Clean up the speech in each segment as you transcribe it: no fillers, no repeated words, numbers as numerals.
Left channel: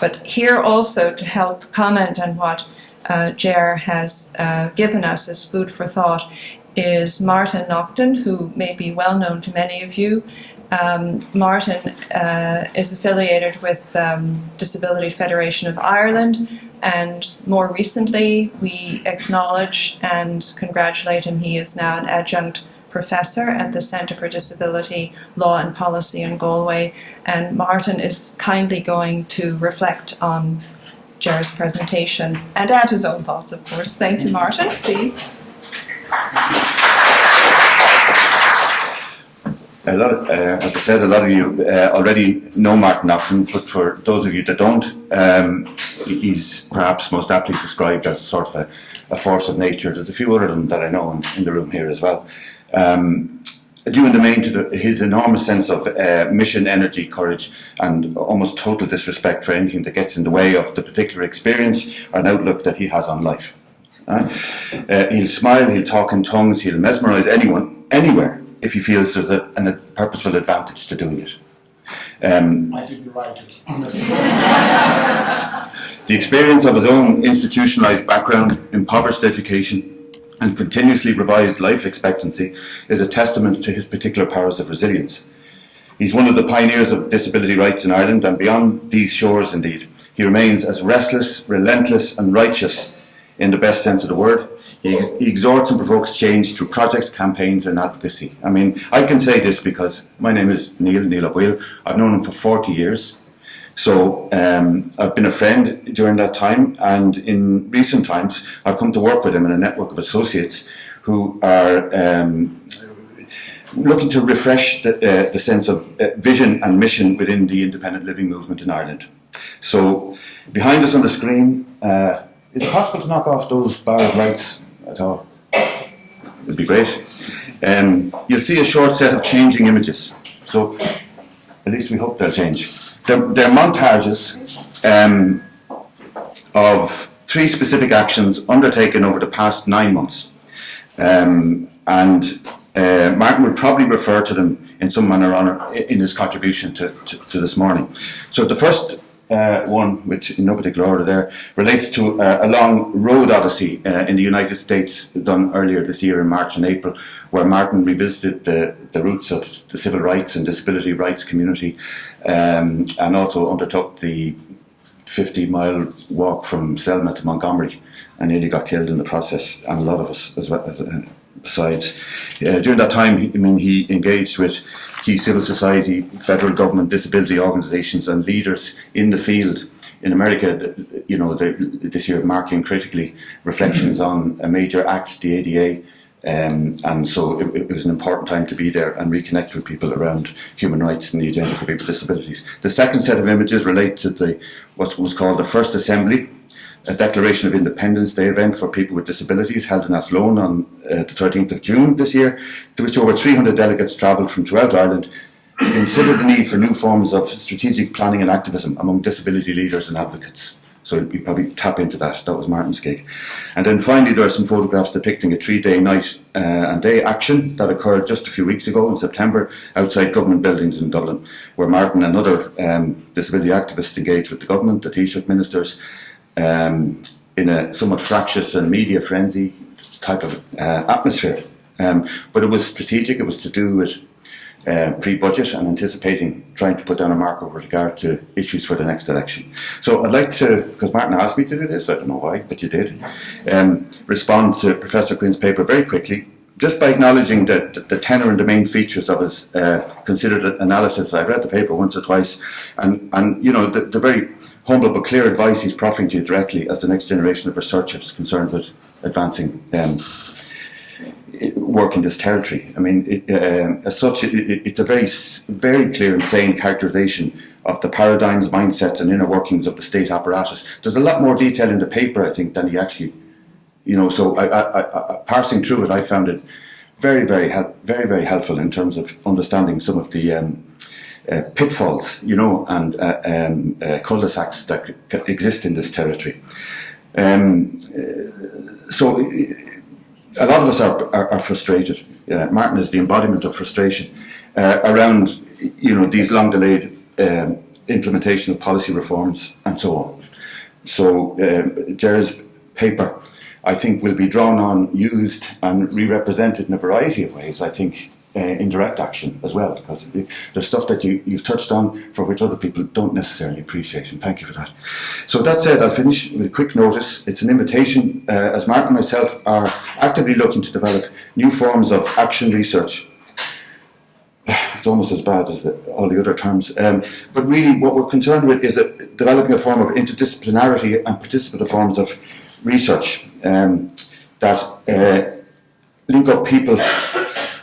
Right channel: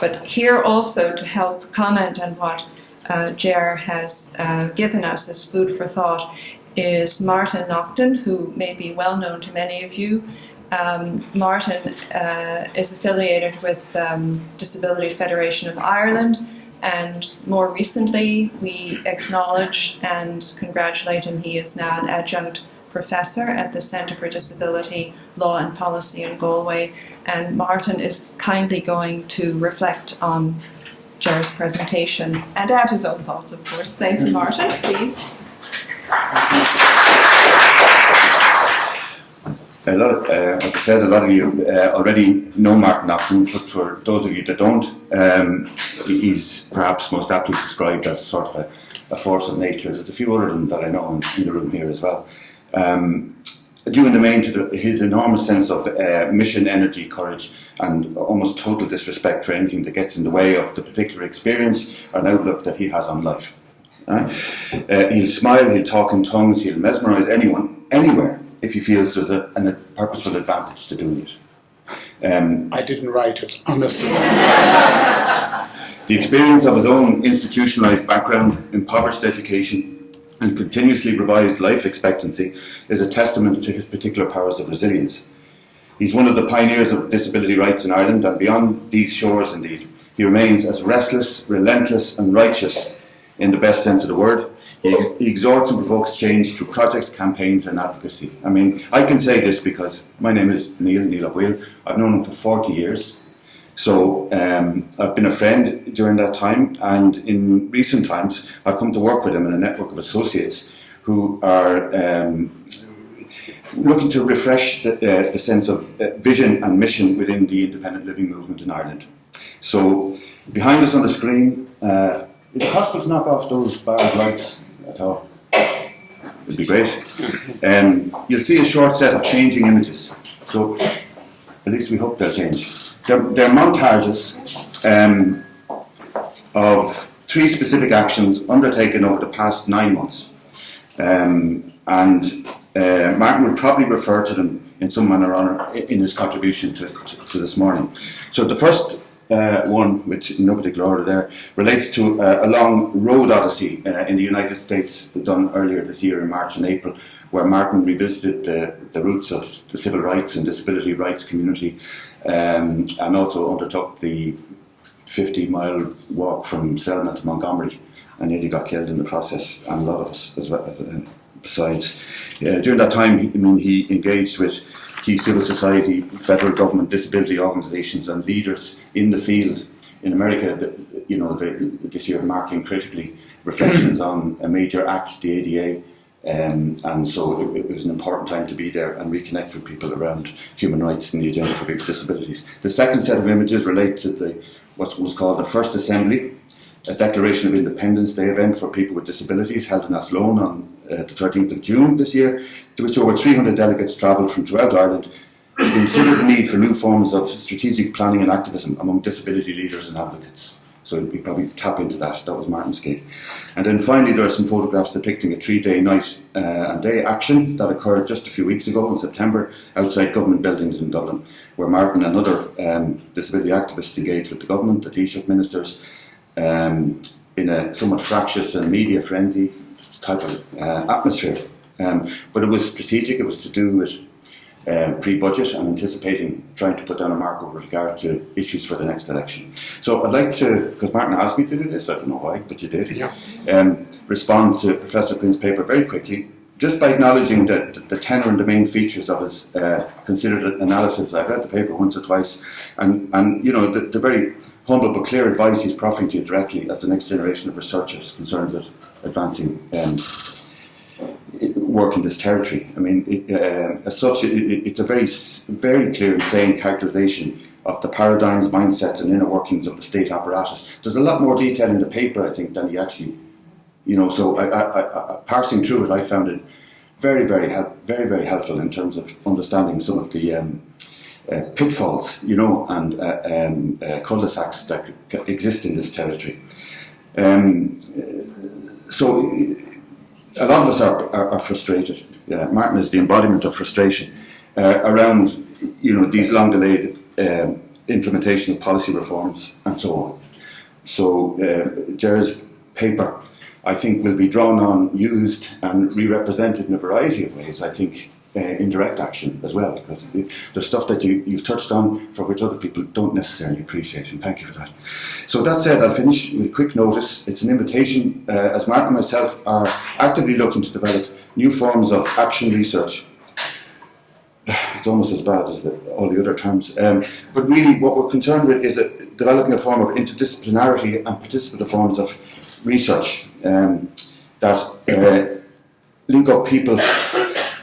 But here also to help comment on what Ger has given us as food for thought is Martin Nocton, who may be well known to many of you. Martin is affiliated with Disability Federation of Ireland, and more recently we acknowledge and congratulate him. He is now an Adjunct Professor at the Centre for Disability Law and Policy in Galway, and Martin is kindly going to reflect on Ger's presentation and add his own thoughts, of course. Thank you, Martin. Please. As I said, a lot of you already know Martin Nocton, but for those of you that don't, he's perhaps most aptly described as a sort of a force of nature. There's a few other than that I know in the room here as well. Due in the main to his enormous sense of mission, energy, courage, and almost total disrespect for anything that gets in the way of the particular experience or an outlook that he has on life. He'll smile, he'll talk in tongues, he'll mesmerise anyone, anywhere, if he feels there's a purposeful advantage to doing it. I didn't write it, honestly. The experience of his own institutionalised background, impoverished education, and continuously revised life expectancy is a testament to his particular powers of resilience. He's one of the pioneers of disability rights in Ireland, and beyond these shores indeed, he remains as restless, relentless and righteous in the best sense of the word. He exhorts and provokes change through projects, campaigns and advocacy. I mean, I can say this because my name is Niall O'Baoill. I've known him for 40 years. So I've been a friend during that time, and in recent times I've come to work with him in a network of associates who are looking to refresh the sense of vision and mission within the independent living movement in Ireland. So behind us on the screen, is it possible to knock off those bar of lights at all? It'd be great. You'll see a short set of changing images. So at least we hope they'll change. They're montages of 3 specific actions undertaken over the past 9 months. And Martin will probably refer to them in some manner or other in his contribution to this morning. So the first one, which in no particular order there, relates to a long road odyssey in the United States done earlier this year in March and April, where Martin revisited the roots of the civil rights and disability rights community, and also undertook the 50-mile walk from Selma to Montgomery and nearly got killed in the process, and a lot of us as well. Besides, during that time, he engaged with key civil society, federal government, disability organisations and leaders in the field in America, this year marking critically reflections on a major act, the ADA, and so it was an important time to be there and reconnect with people around human rights and the agenda for people with disabilities. The second set of images relate to what was called the First Assembly, a Declaration of Independence Day event for people with disabilities held in Athlone on the 13th of June this year, to which over 300 delegates travelled from throughout Ireland to consider the need for new forms of strategic planning and activism among disability leaders and advocates. So we probably tap into that. That was Martin's gig. And then finally there are some photographs depicting a 3-day night and day action that occurred just a few weeks ago in September outside government buildings in Dublin, where Martin and other disability activists engaged with the government, the Taoiseach ministers, in a somewhat fractious and media frenzy type of atmosphere. But it was strategic. It was to do with pre-budget and anticipating trying to put down a marker with regard to issues for the next election. So I'd like to, because Martin asked me to do this, I don't know why, but you did, respond to Professor Quinn's paper very quickly, just by acknowledging the tenor and the main features of his considered analysis. I've read the paper once or twice, and the very humble but clear advice he's proffering to you directly as the next generation of researchers concerned with advancing work in this territory. I mean, as such, it's a very, very clear and sane characterisation of the paradigms, mindsets and inner workings of the state apparatus. There's a lot more detail in the paper, I think, than he actually, so I parsing through it, I found it very, very helpful in terms of understanding some of the pitfalls, and cul-de-sacs that exist in this territory. So a lot of us are frustrated. Martin is the embodiment of frustration around, these long-delayed implementation of policy reforms and so on. So Ger's paper, I think, will be drawn on, used and re-represented in a variety of ways, I think, in direct action as well, because there's stuff that you've touched on for which other people don't necessarily appreciate, and thank you for that. So that said, I'll finish with a quick notice. It's an invitation, as Martin and myself are actively looking to develop new forms of action research. It's almost as bad as all the other terms. But really what we're concerned with is developing a form of interdisciplinarity and participative forms of research that link up people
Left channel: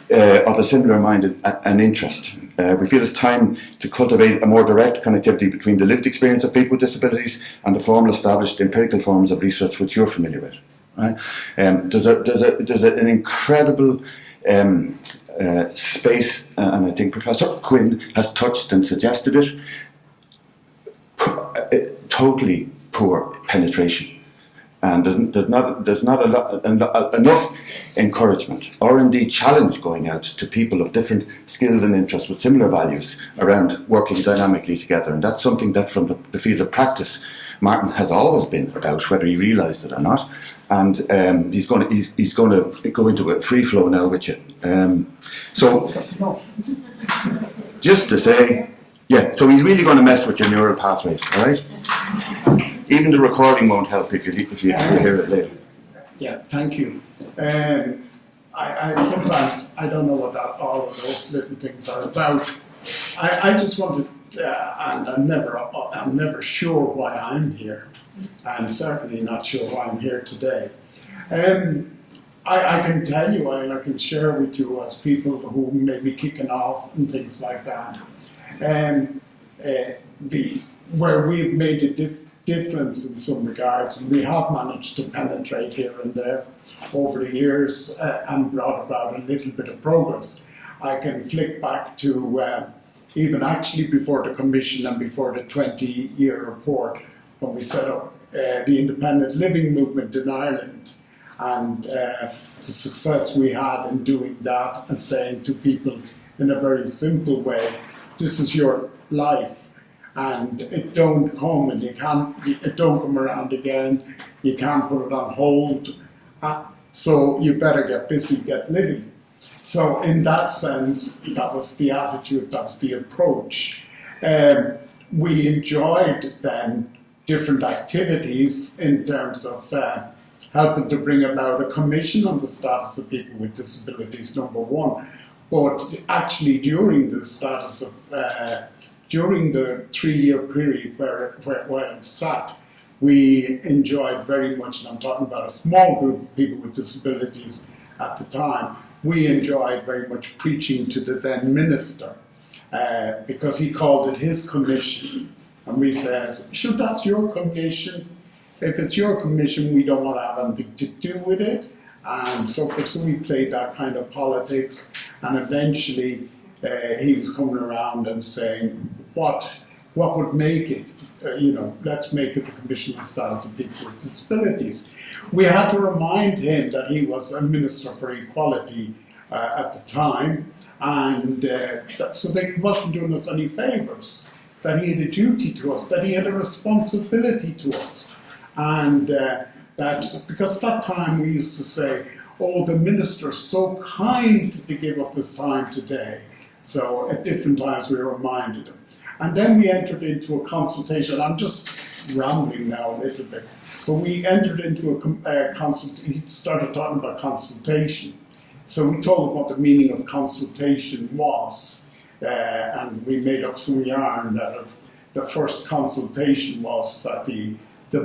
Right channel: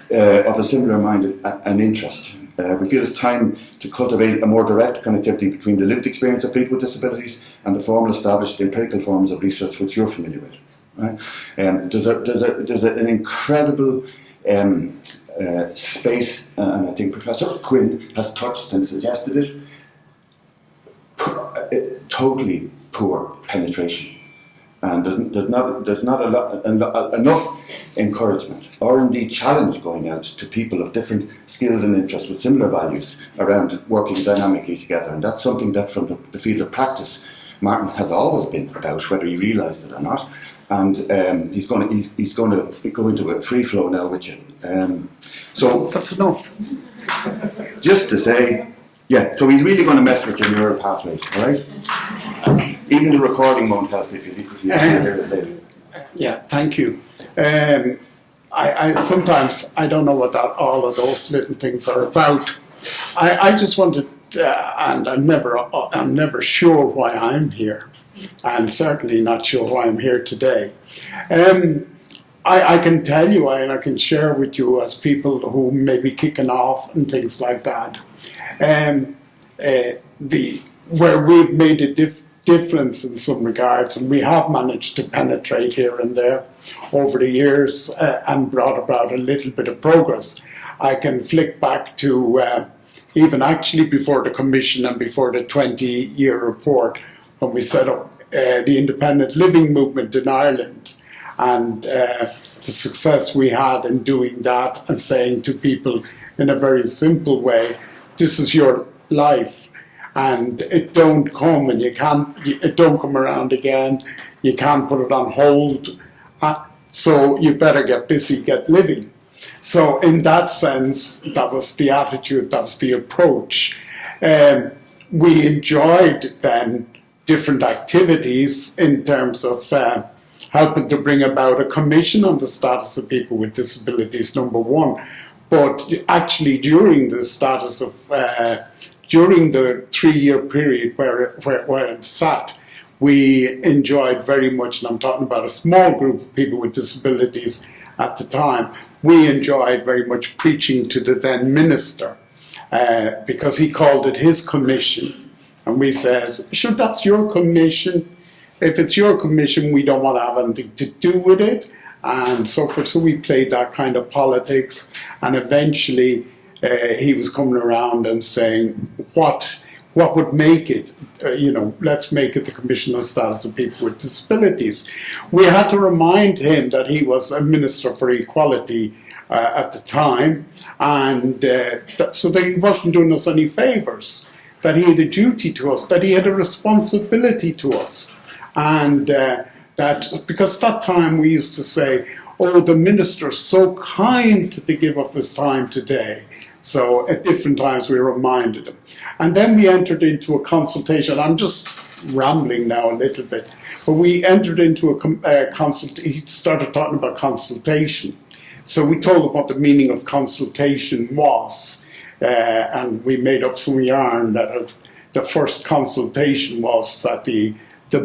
of a similar mind and interest. We feel it's time to cultivate a more direct connectivity between the lived experience of people with disabilities and the formal established empirical forms of research which you're familiar with. Right? There's an incredible space, and I think Professor Quinn has touched and suggested it, totally poor penetration. And there's not enough encouragement or indeed challenge going out to people of different skills and interests with similar values around working dynamically together. And that's something that from the field of practice, Martin has always been about, whether he realised it or not. And he's going to go into a free flow now with you. So That's enough. just to say, yeah, so he's really going to mess with your neural pathways, all right? Even the recording won't help if you hear it later. Yeah, thank you. I sometimes I don't know what all of those little things are about. I just wanted, and I'm never sure why I'm here, and certainly not sure why I'm here today. I can tell you, and I can share with you as people who may be kicking off and things like that, where we've made a difference in some regards, and we have managed to penetrate here and there over the years and brought about a little bit of progress. I can flick back to even actually before the Commission and before the 20-year report, when we set up the independent living movement in Ireland, and the success we had in doing that and saying to people in a very simple way, this is your life, and it don't come and it don't come around again, you can't put it on hold, so you better get busy, get living. So in that sense, that was the attitude, that was the approach. We enjoyed then different activities in terms of helping to bring about a commission on the status of people with disabilities, number one. But actually during the status of, during the 3-year period where it sat, we enjoyed very much, and I'm talking about a small group of people with disabilities at the time, we enjoyed very much preaching to the then minister, because he called it his commission. And we says, sure, that's your commission. If it's your commission, we don't want to have anything to do with it. And so forth. So we played that kind of politics. And eventually he was coming around and saying, what would make it, let's make it the Commission on Status of People with Disabilities. We had to remind him that he was a Minister for Equality at the time, and so that he wasn't doing us any favours, that he had a duty to us, that he had a responsibility to us. And that, because that time we used to say, oh, the minister's so kind to give up his time today. So at different times we reminded him. And then we entered into a consultation. I'm just rambling now a little bit. But we entered into a consultation. He started talking about consultation. So we told him what the meaning of consultation was. And we made up some yarn that the first consultation was that the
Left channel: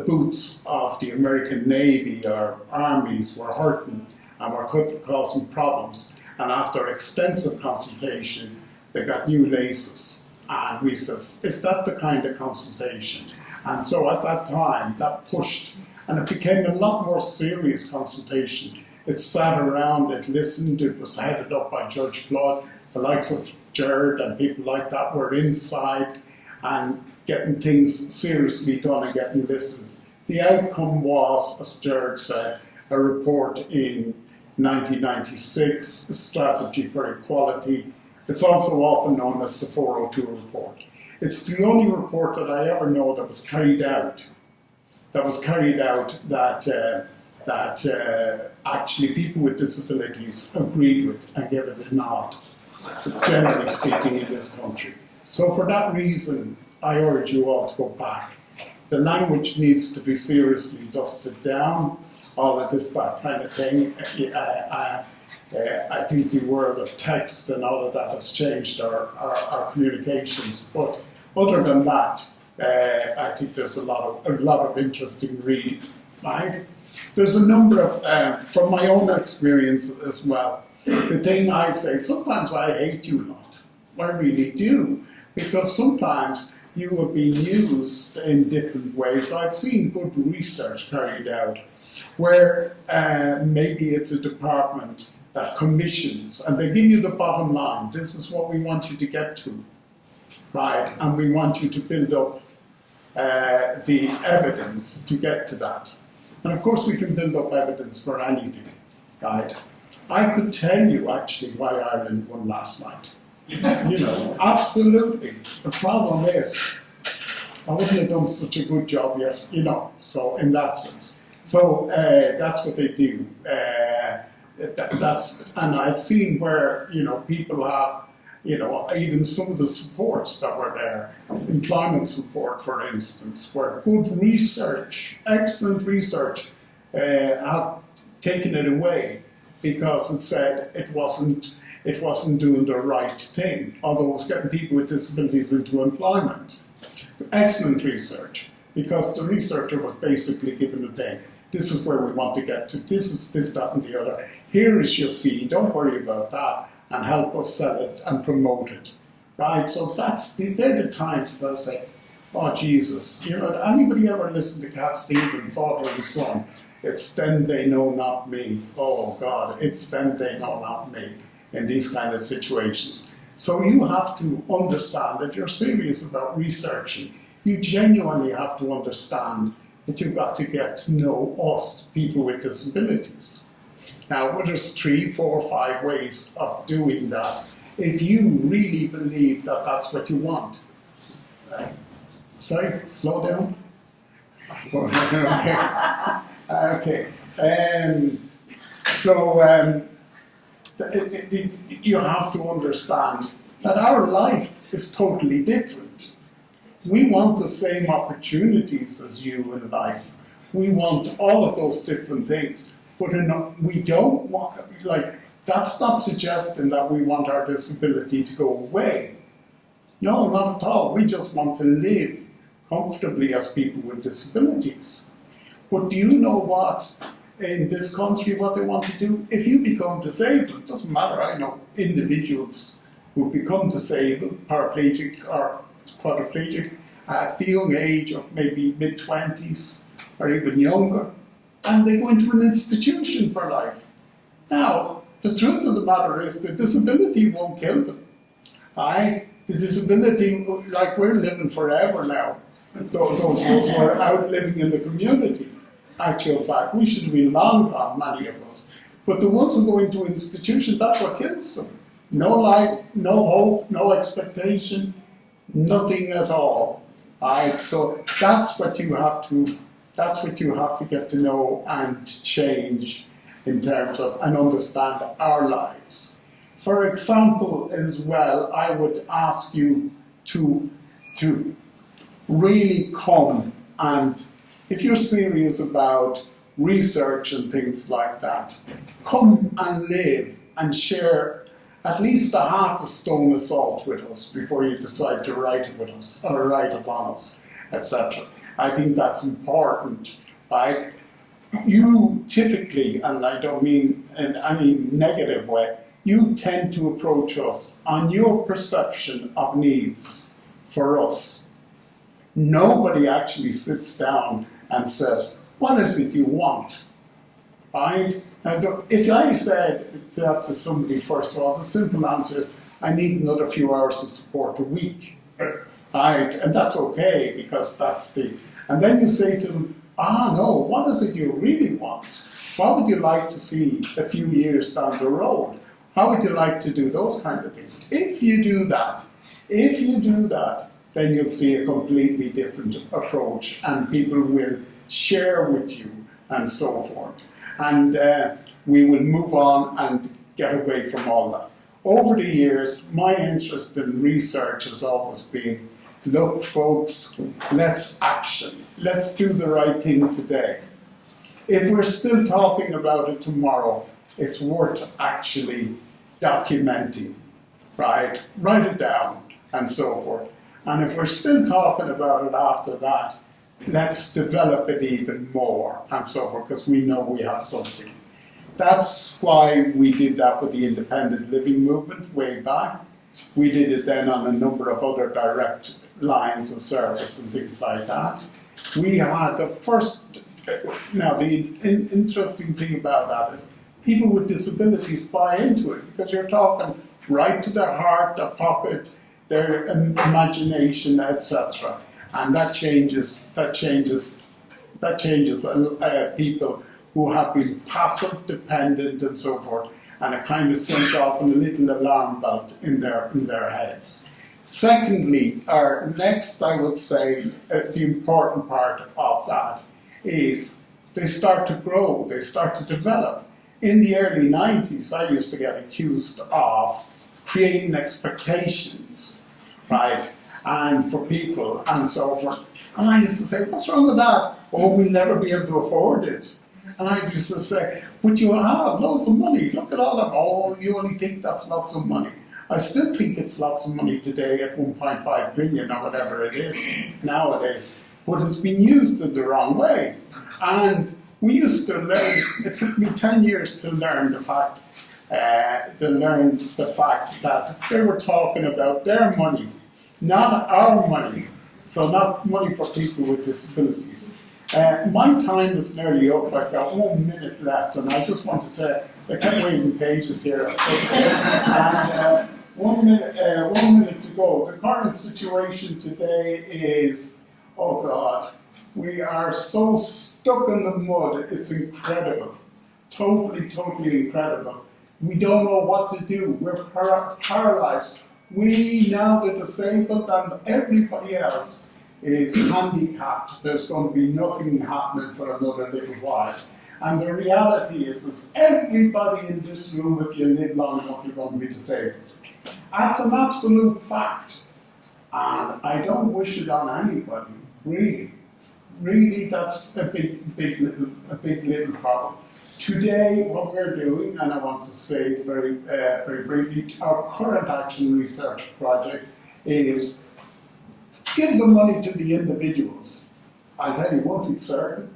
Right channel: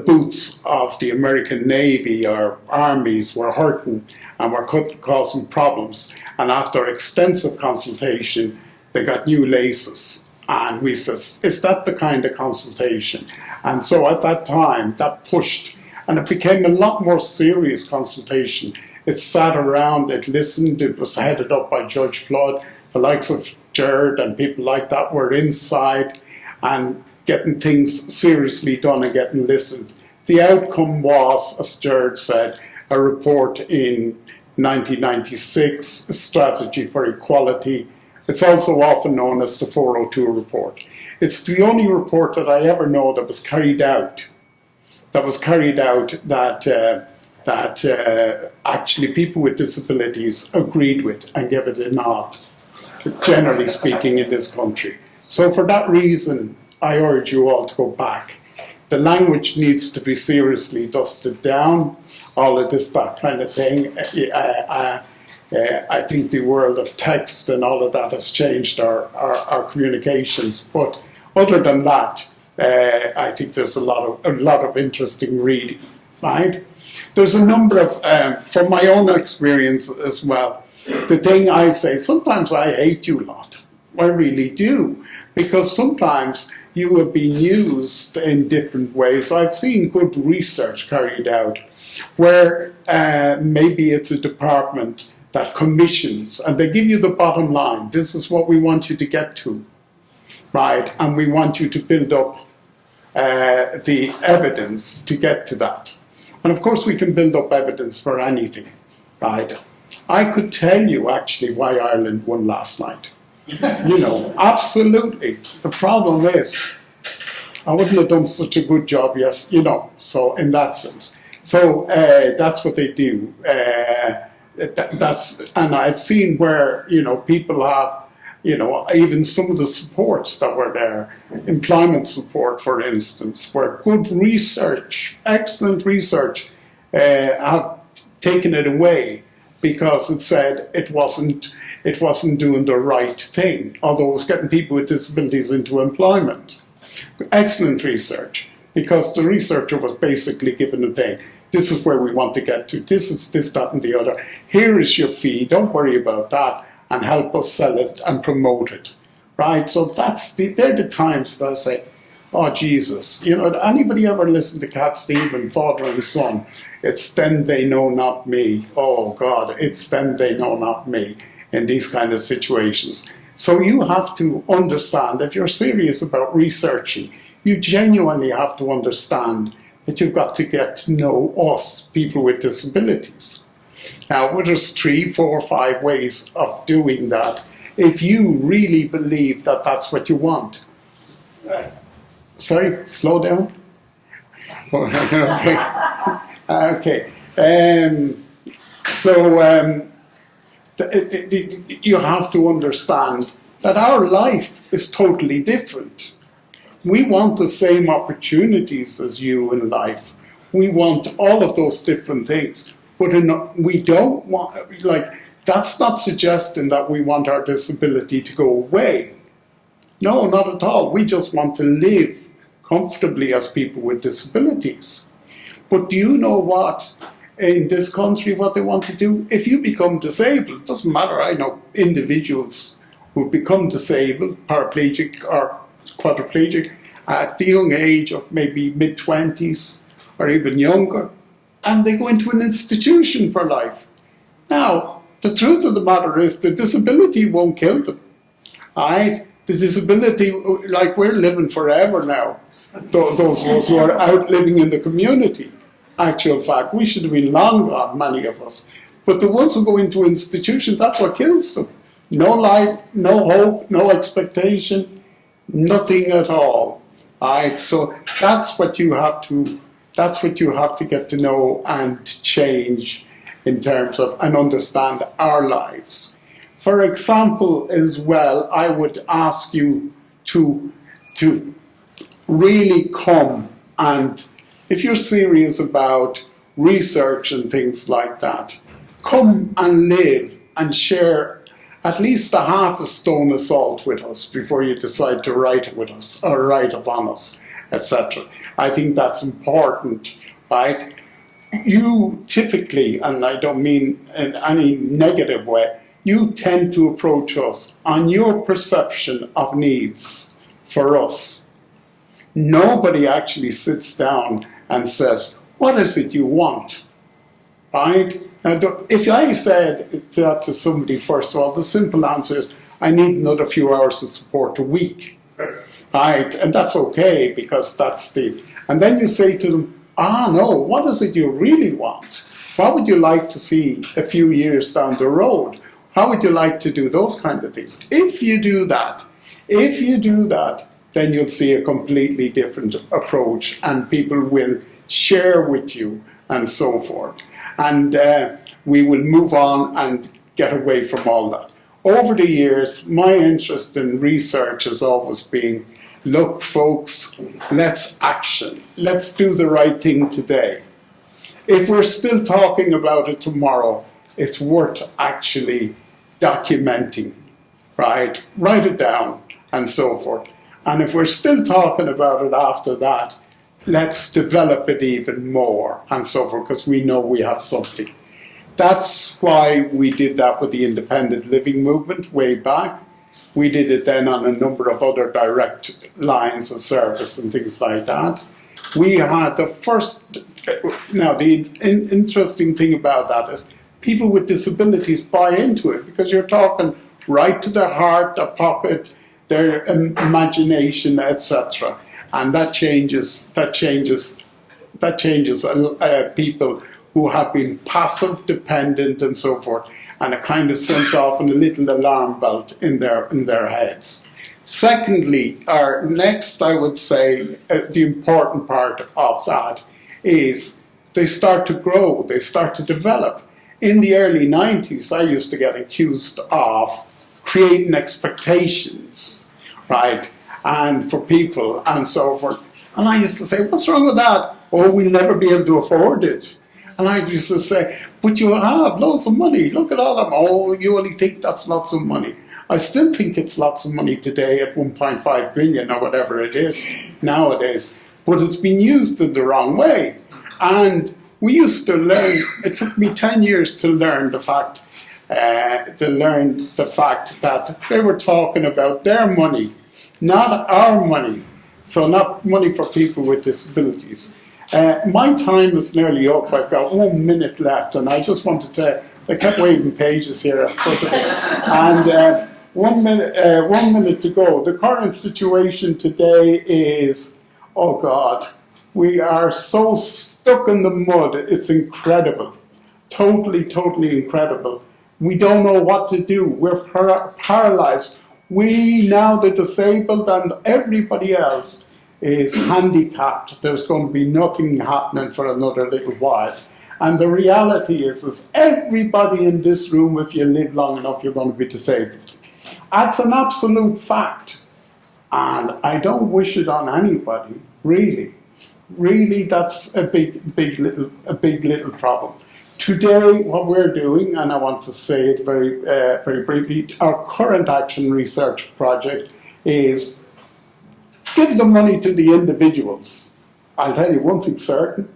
boots of the American Navy or armies were hurting and were causing problems. And after extensive consultation, they got new laces. And we said, is that the kind of consultation? And so at that time, that pushed, and it became a lot more serious consultation. It sat around, it listened, it was headed up by Judge Flood. The likes of Gerard and people like that were inside and getting things seriously done and getting listened. The outcome was, as Gerard said, a report in 1996, a strategy for equality. It's also often known as the 402 report. It's the only report that I ever know that was carried out. That actually people with disabilities agreed with and gave it a nod, generally speaking, in this country. So for that reason, I urge you all to go back. The language needs to be seriously dusted down, all of this, that kind of thing. I think the world of text and all of that has changed our communications. But other than that, I think there's a lot of interesting reading, right? There's a number of, from my own experience as well, the thing I say, sometimes I hate you lot. I really do. Because sometimes you have been used in different ways. I've seen good research carried out where maybe it's a department that commissions and they give you the bottom line. This is what we want you to get to, right? And we want you to build up the evidence to get to that. And of course we can build up evidence for anything, right? I could tell you actually why Ireland won last night. Absolutely. The problem is, I wouldn't have done such a good job, so in that sense. So that's what they do. And I've seen where, people have, even some of the supports that were there, employment support, for instance, where good research, excellent research, have taken it away because it said it wasn't doing the right thing, although it was getting people with disabilities into employment. Excellent research, because the researcher was basically given a thing. This is where we want to get to. This is this, that, and the other. Here is your fee. Don't worry about that, and help us sell it and promote it, right? So they're the times that I say, oh Jesus, anybody ever listen to Cat Stevens, Father and Son? It's them they know, not me. Oh God, it's them they know, not me. In these kind of situations. So you have to understand, if you're serious about researching, you genuinely have to understand that you've got to get to know us, people with disabilities. Now, there's 3, 4, 5 ways of doing that if you really believe that that's what you want. Sorry, slow down. Okay. You have to understand that our life is totally different. We want the same opportunities as you in life. We want all of those different things. But we don't want, that's not suggesting that we want our disability to go away. No, not at all. We just want to live comfortably as people with disabilities. But do you know what? In this country, what they want to do, if you become disabled, it doesn't matter, I know individuals who become disabled, paraplegic or quadriplegic, at the young age of maybe mid-20s or even younger, and they go into an institution for life. Now, the truth of the matter is the disability won't kill them, right? The disability, we're living forever now, those of us who are out living in the community. Actual fact, we should have been long gone, many of us. But the ones who go into institutions, that's what kills them. No life, no hope, no expectation, nothing at all. Right? So that's what you have to get to know and change in terms of and understand our lives. For example, as well, I would ask you to really come and, if you're serious about research and things like that, come and live and share at least a half a stone of salt with us before you decide to write with us or write upon us, etc. I think that's important, right? You typically, and I don't mean in any negative way, you tend to approach us on your perception of needs for us. Nobody actually sits down and says, what is it you want, right? Now, if I said that to somebody, first of all, the simple answer is, I need another few hours of support a week, right? And that's okay, because that's and then you say to them, no, what is it you really want? What would you like to see a few years down the road? How would you like to do those kind of things? If you do that, then you'll see a completely different approach, and people will share with you and so forth. And we will move on and get away from all that. Over the years, my interest in research has always been, look, folks, let's action. Let's do the right thing today. If we're still talking about it tomorrow, it's worth actually documenting, right? Write it down and so forth. And if we're still talking about it after that, let's develop it even more and so forth, because we know we have something. That's why we did that with the independent living movement way back. We did it then on a number of other direct lines of service and things like that. We had the first, now the interesting thing about that is people with disabilities buy into it, because you're talking right to their heart, their pocket, their imagination, etc. And that changes people who have been passive, dependent, and so forth, and it kind of sends off in a little alarm belt in their heads. Secondly, or next, I would say the important part of that is they start to grow, they start to develop. In the early 90s, I used to get accused of creating expectations, right, and for people and so forth. And I used to say, what's wrong with that? Oh, we'll never be able to afford it. And I used to say, but you have loads of money. Look at all of them. Oh, you only think that's lots of money. I still think it's lots of money today at 1.5 billion or whatever it is nowadays. But it's been used in the wrong way. And we used to learn, it took me 10 years to learn the fact that they were talking about their money, not our money. So not money for people with disabilities. My time is nearly up. I've got 1 minute left, and I just wanted to, I kept waving pages here. And 1 minute to go. The current situation today is, oh God, we are so stuck in the mud. It's incredible. Totally incredible. We don't know what to do. We're paralyzed. We, now the disabled and everybody else, is handicapped. There's going to be nothing happening for another little while. And the reality is everybody in this room, if you live long enough, you're going to be disabled. That's an absolute fact. And I don't wish it on anybody, really. Really, that's a big little problem. Today, what we're doing, and I want to say it very briefly, our current action research project is give the money to the individuals. I'll tell you one thing certain,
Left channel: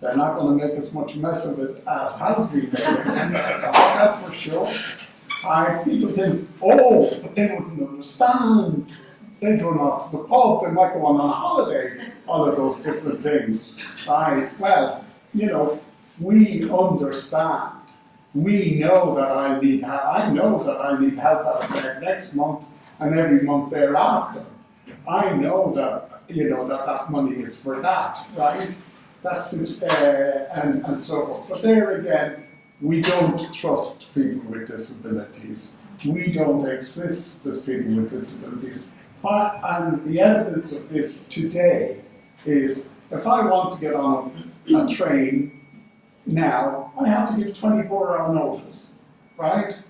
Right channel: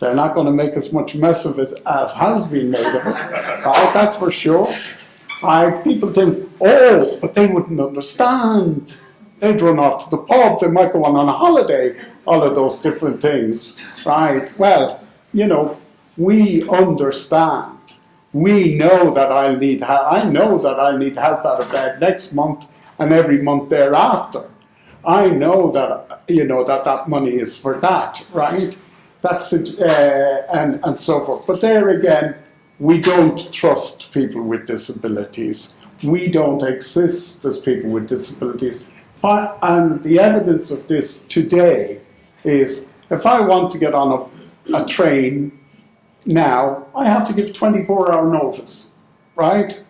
they're not going to make as much mess of it as has been made of it. Right, that's for sure. People think, oh, but they wouldn't understand. They'd run off to the pub, they might go on a holiday, all of those different things. Right, well, you know, we understand. We know that I know that I need help out of bed next month and every month thereafter. I know that, you know, that money is for that, right? That's it, and so forth. But there again, we don't trust people with disabilities. We don't exist as people with disabilities. And the evidence of this today is, if I want to get on a train now, I have to give 24-hour notice, right?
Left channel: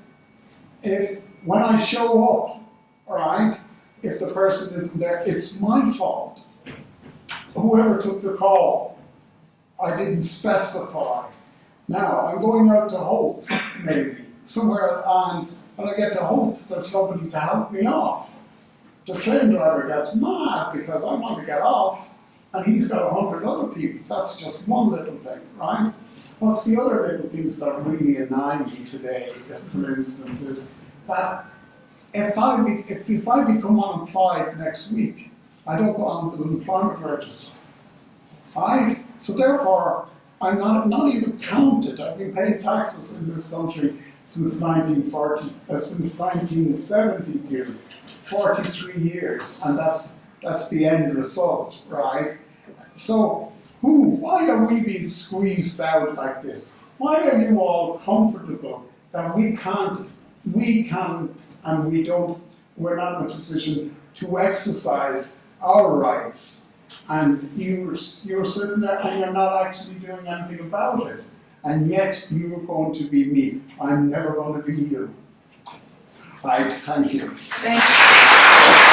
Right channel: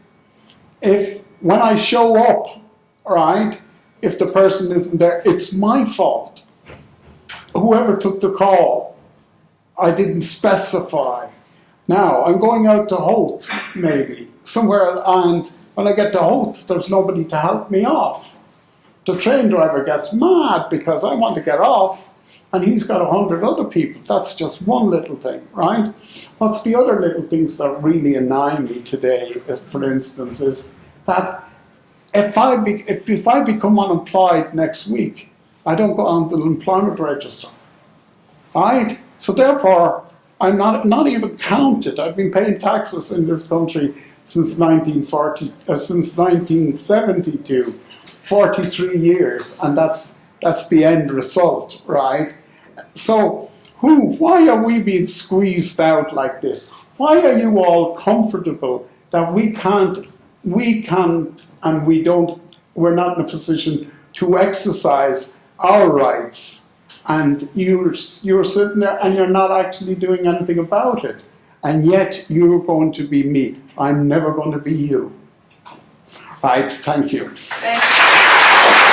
When I show up, right, if the person isn't there, it's my fault. Whoever took the call, I didn't specify. Now, I'm going out to Holt, maybe, somewhere, and when I get to Holt, there's nobody to help me off. The train driver gets mad because I want to get off, and he's got 100 other people. That's just one little thing, right? What's the other little things that really annoy me today, for instance, is that if I become unemployed next week, I don't go on the employment register, right? So therefore, I'm not even counted. I've been paying taxes in this country since 1972, 43 years, and that's the end result, right? So why are we being squeezed out like this? Why are you all comfortable that we're not in a position to exercise our rights, and you're sitting there and you're not actually doing anything about it. And yet you're going to be me. I'm never going to be you. Right, thank you. Thank you.